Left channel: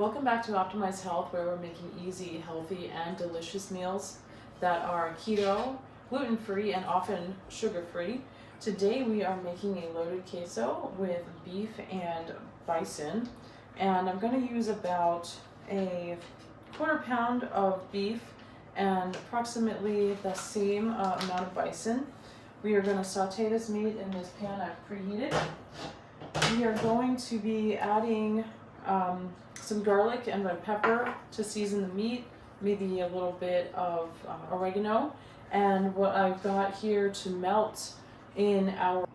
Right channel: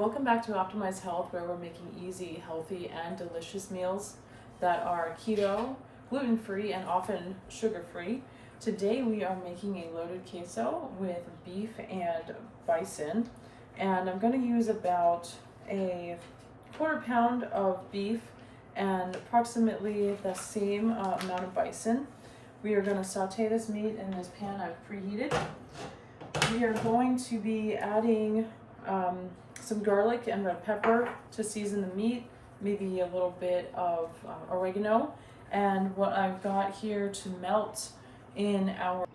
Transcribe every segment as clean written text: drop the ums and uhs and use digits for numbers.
Welcome back to Optimize Health, where we're making easy, healthy, and delicious meals that are keto, gluten-free, and often sugar-free. Today we are making a loaded queso with beef and bison, and I'm going to use about a quarter pound of beef and approximately the same amount of bison. We are going to saute this meat in this pan I've preheated. We are going to be adding some garlic and red pepper to season the meat, maybe a little bit of oregano, and what I've got here to melt in our...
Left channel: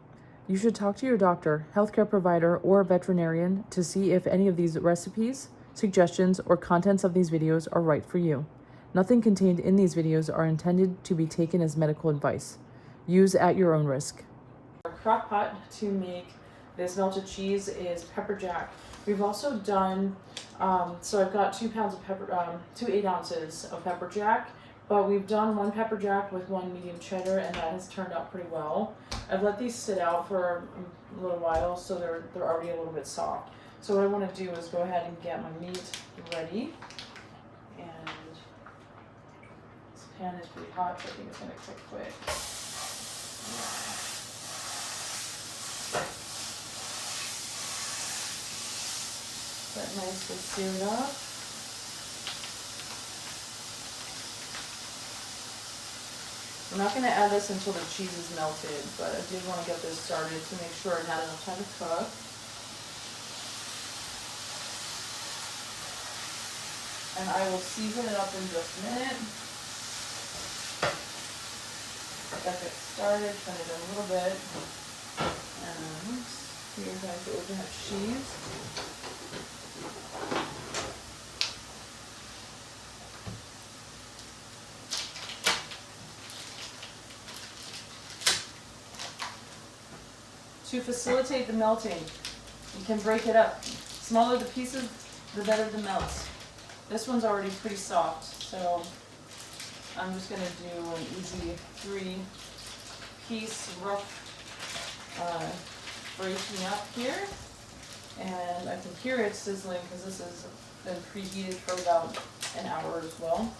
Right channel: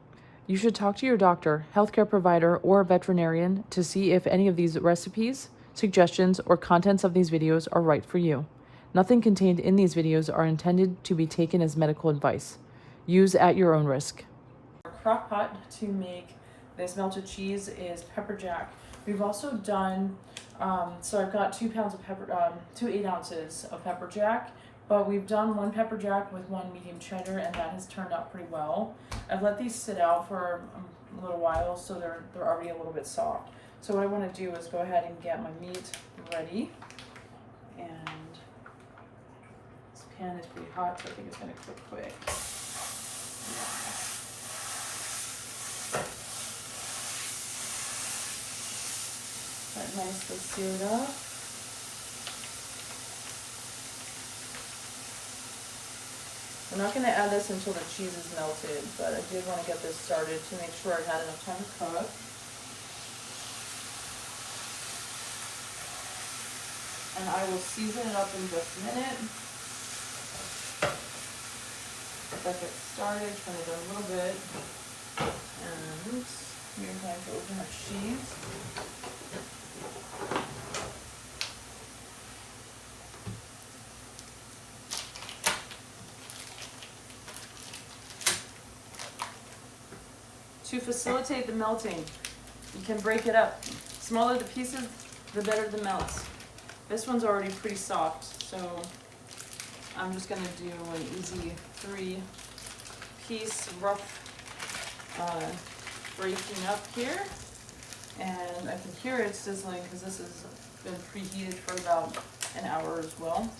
You should talk to your doctor, healthcare provider, or veterinarian to see if any of these recipes, suggestions, or contents of these videos are right for you. Nothing contained in these videos are intended to be taken as medical advice. Use at your own risk. Our crock pot to make this melted cheese is pepper jack. We've also done, so I've got 2 pounds of pepper, 2 8 ounces of pepper jack, but we've done 1 pepper jack with 1 medium cheddar, and that has turned out pretty well. I've let these sit out for a little while, so they're already a little bit soft. So what I want to do is go ahead and get my meat ready, and this pan is pretty hot, so I think it's going to cook quick. That nicely seared up. We're not going to add this until the cheese is melted, but I did want to get this started to make sure I had enough time to cook. And I will season it up in just a minute. Get it started, turn it down a little bit. And we're going to open the cheese. To facilitate the melting, you can break it up. Smaller the pieces, the better the melts. This one's already pretty soft, so I'm just going to do an easy 3-piece rough breaking up here. And I can hear it sizzling because this has been preheated for about an hour as well.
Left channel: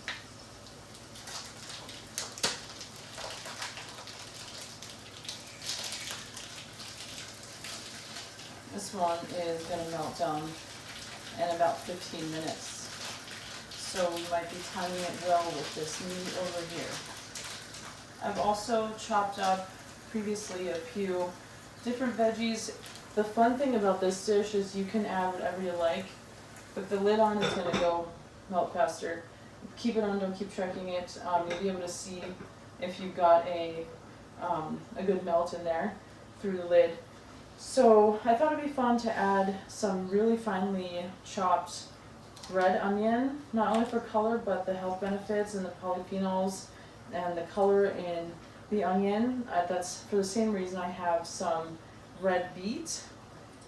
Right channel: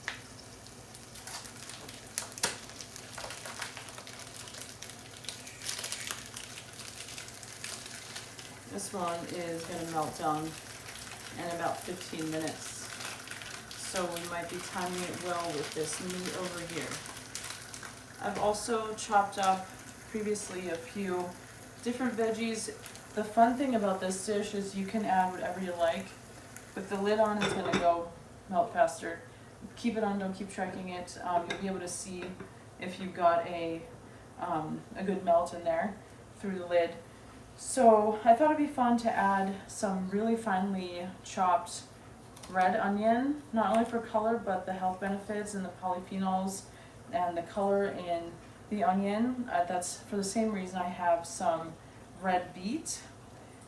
This one is going to melt down in about 15 minutes. So we might be timing it well with this meat over here. I've also chopped up previously a few different veggies. The fun thing about this dish is you can add whatever you like. With the lid on, it's going to go melt faster. Keep it on, don't keep checking it. You'll be able to see if you've got a good melt in there through the lid. So I thought it'd be fun to add some really finely chopped red onion, not only for color, but the health benefits and the polyphenols and the color in the onion. That's for the same reason I have some red beet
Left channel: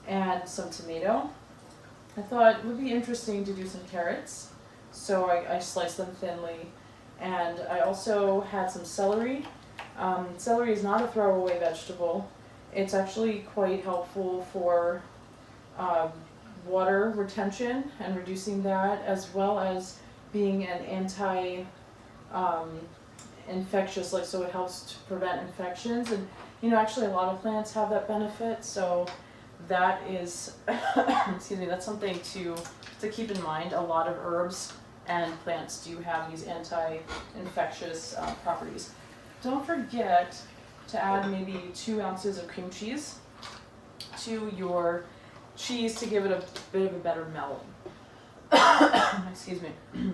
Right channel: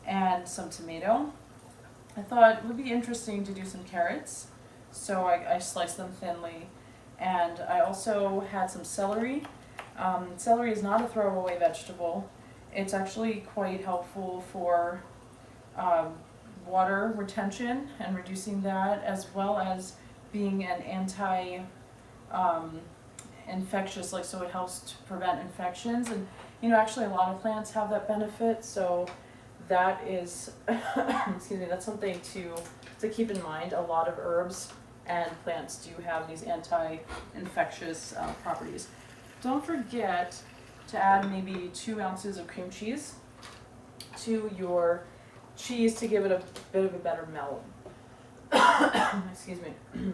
and some tomato. I thought it would be interesting to do some carrots, so I sliced them thinly. And I also had some celery. Celery is not a throwaway vegetable. It's actually quite helpful for water retention and reducing that, as well as being an infectious, so it helps to prevent infections. And actually a lot of plants have that benefit, so that is excuse me, that's something to keep in mind. A lot of herbs and plants do have these anti-infectious properties. Don't forget to add maybe 2 ounces of cream cheese to your cheese to give it a bit of a better melt. Excuse me.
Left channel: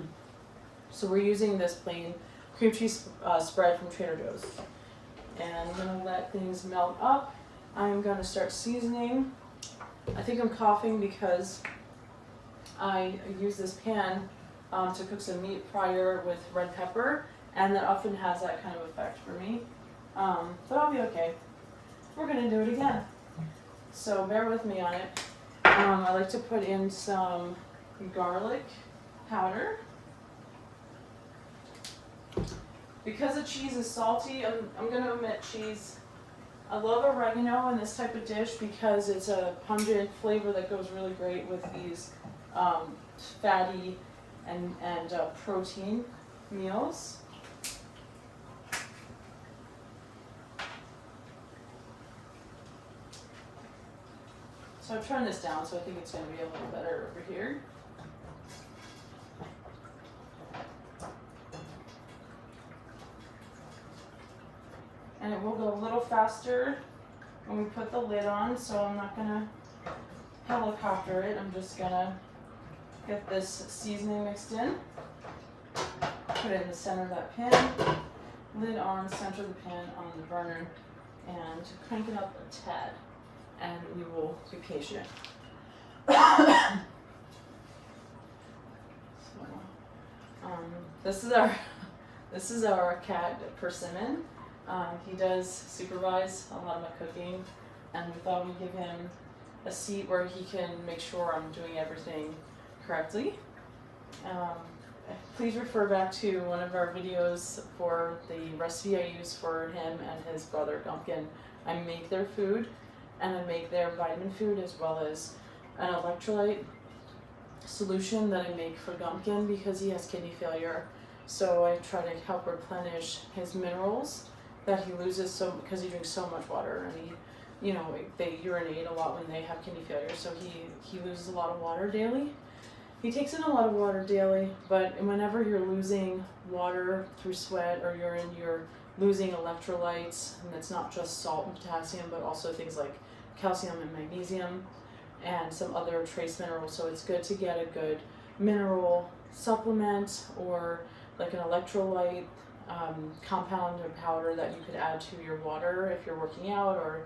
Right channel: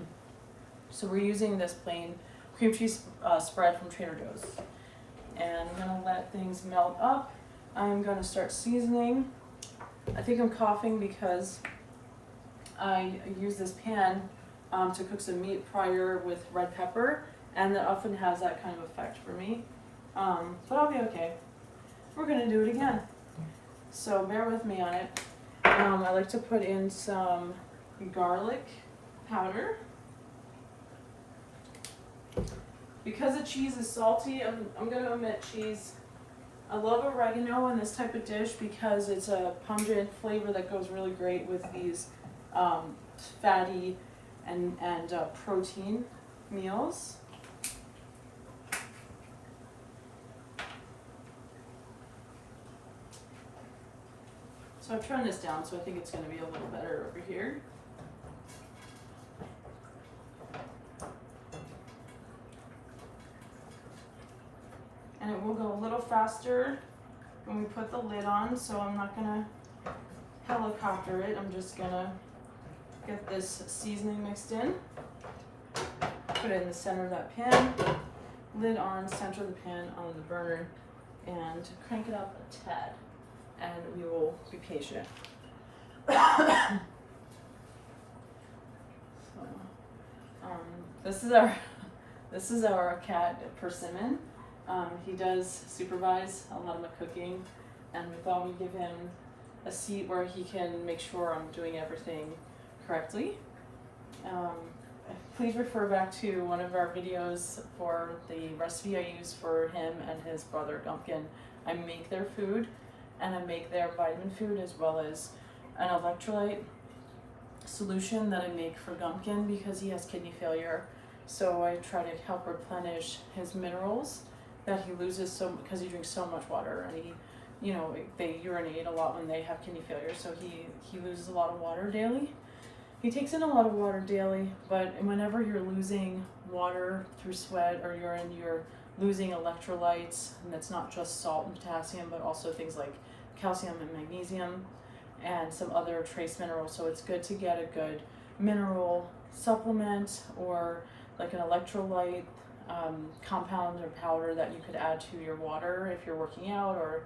So we're using this plain cream cheese spread from Trader Joe's. And I'm going to let things melt up. I'm going to start seasoning. I think I'm coughing because I use this pan to cook some meat prior with red pepper, and that often has that kind of effect for me. But I'll be okay. We're going to do it again. So bear with me on it. I like to put in some garlic powder. Because the cheese is salty, I'm going to omit cheese. I love oregano in this type of dish because it's a pungent flavor that goes really great with these fatty and protein meals. So I've turned this down, so I think it's going to be a little better over here. And it will go a little faster when we put the lid on, so I'm not going to helicopter it. I'm just going to get this seasoning mixed in, put it in the center of that pan, lid on, center of the pan on the burner, and crank it up a tad. And we will be patient. This is our cat Persimmon. He does supervise a lot of my cooking, and we thought we'd give him a seat where he can make sure I'm doing everything correctly. Please refer back to one of our videos for the recipe I use for him and his brother Gumpkin. I make their food, and I make their vitamin food, as well as an electrolyte solution that I make for Gumpkin because he has kidney failure. So I try to help replenish his minerals that he loses because he drinks so much water, and they urinate a lot when they have kidney failure. So he loses a lot of water daily. He takes in a lot of water daily, but whenever you're losing water through sweat or urine, you're losing electrolytes, and it's not just salt and potassium, but also things like calcium and magnesium and some other trace minerals. So it's good to get a good mineral supplement or like an electrolyte compound or powder that you could add to your water if you're working out or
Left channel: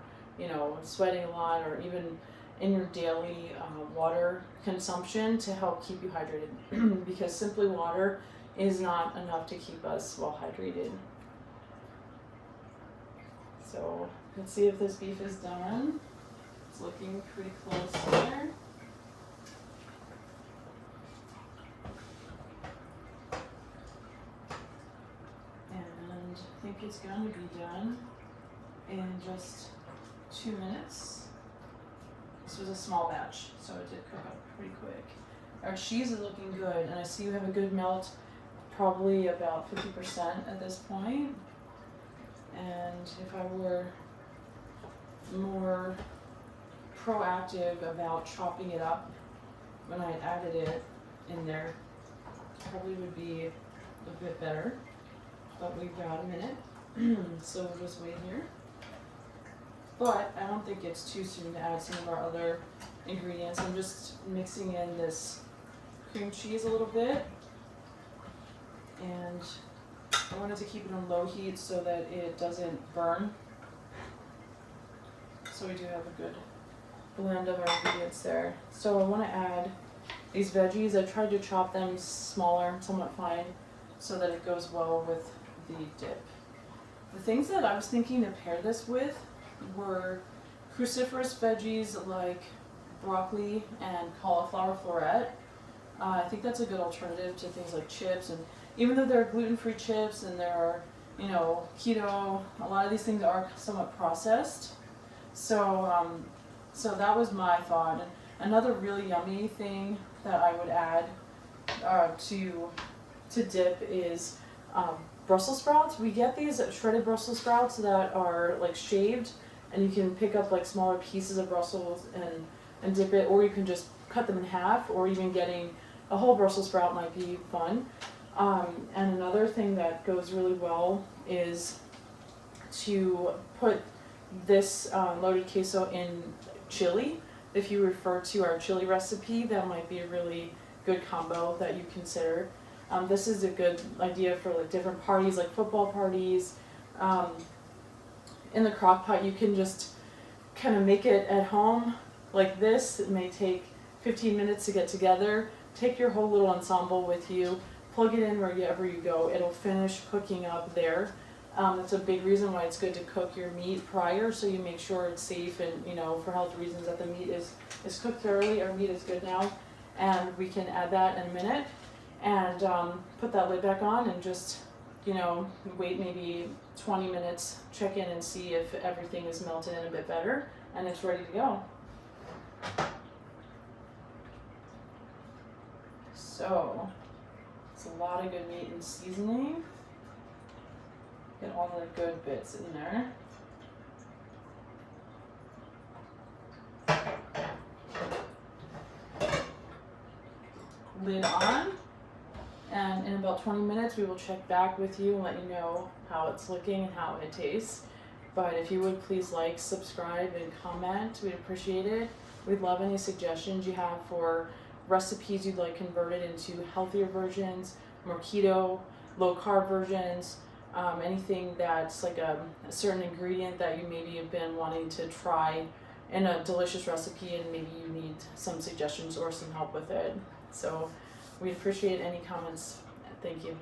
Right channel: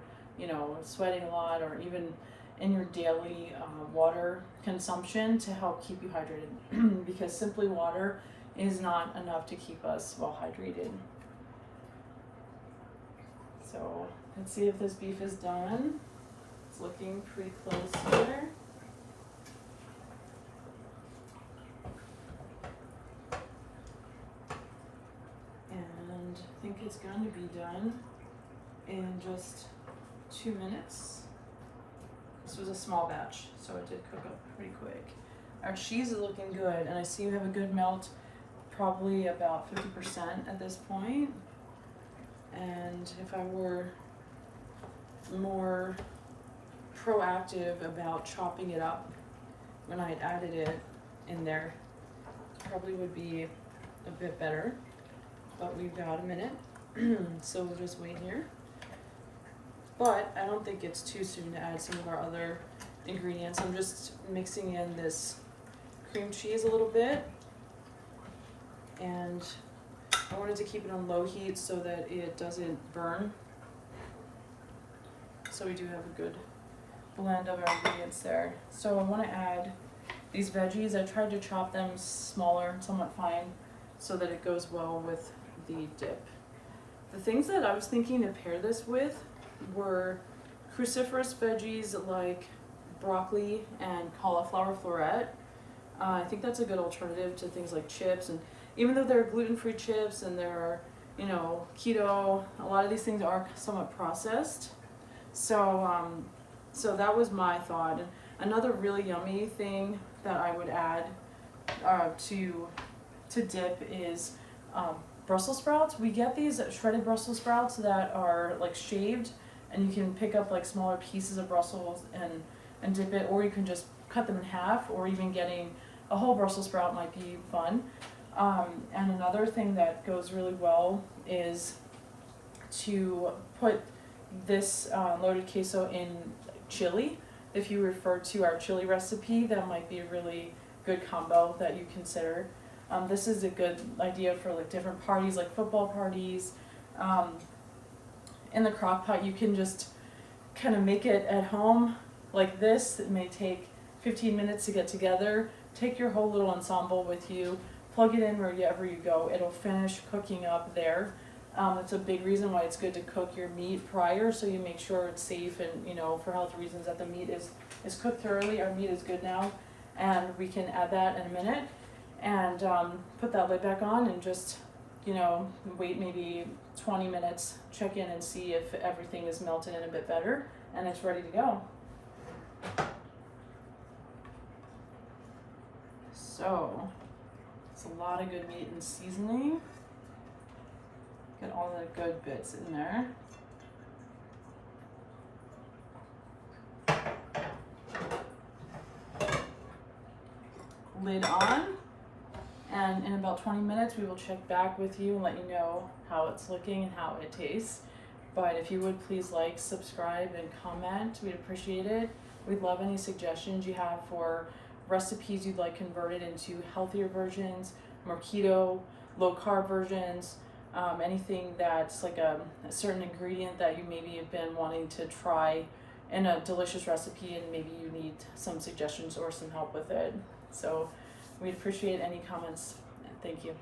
sweating a lot, or even in your daily water consumption to help keep you hydrated because simply water is not enough to keep us well hydrated. So let's see if this beef is done. It's looking pretty close here. And I think it's going to be done in just 2 minutes. This was a small batch, so it did cook up pretty quick. Our cheese is looking good, and I see we have a good melt, probably about 50% at this point. And if I were more proactive about chopping it up when I added it in there, probably would be a bit better. But we've got a minute, so we'll just wait here. But I don't think it's too soon to add some of our other ingredients. I'm just mixing in this cream cheese a little bit, and I wanted to keep it on low heat so that it doesn't burn. So we do have a good blend of our ingredients there. So I want to add these veggies. I tried to chop them smaller, somewhat fine, so that it goes well with the dip. The things that I was thinking to pair this with were cruciferous veggies like broccoli and cauliflower floret. I think that's a good alternative to things like chips, and even though there are gluten-free chips and there are, keto, a lot of these things are somewhat processed. So that was my thought. And another really yummy thing that I would add to dip is Brussels sprouts. We get these shredded Brussels sprouts that are like shaved, and you can pick up like smaller pieces of Brussels and dip it, or you can just cut them in half, or even getting a whole Brussels sprout might be fun. And another thing that goes really well is to put this loaded queso in chili. If you refer to our chili recipe, that might be a really good combo that you consider. This is a good idea for like different parties, like football parties. In the crock pot, you can just kind of make it at home like this. It may take 15 minutes to get together. Take your whole little ensemble with you, plug it in wherever you go. It'll finish cooking up there. It's a big reason why it's good to cook your meat prior, so you make sure it's safe and, for health reasons, that the meat is cooked thoroughly. Our meat is good now, and we can add that in a minute and put that lid back on and just, wait maybe 20 minutes, check in and see if everything is melted in a bit better, and it's ready to go. So it's a lot of good meat and seasoning. Get all the good bits in there. Lid on, and in about 20 minutes we will check back with you and let you know how it's looking and how it tastes. But if you would please like, subscribe, and comment, we'd appreciate it. We'd love any suggestions you have for recipes you'd like converted into healthier versions, more keto, low carb versions, anything that's like a certain ingredient that you maybe have been wanting to try in a delicious recipe and maybe you need some suggestions or some help with it. So we'd appreciate any comments. Thank you.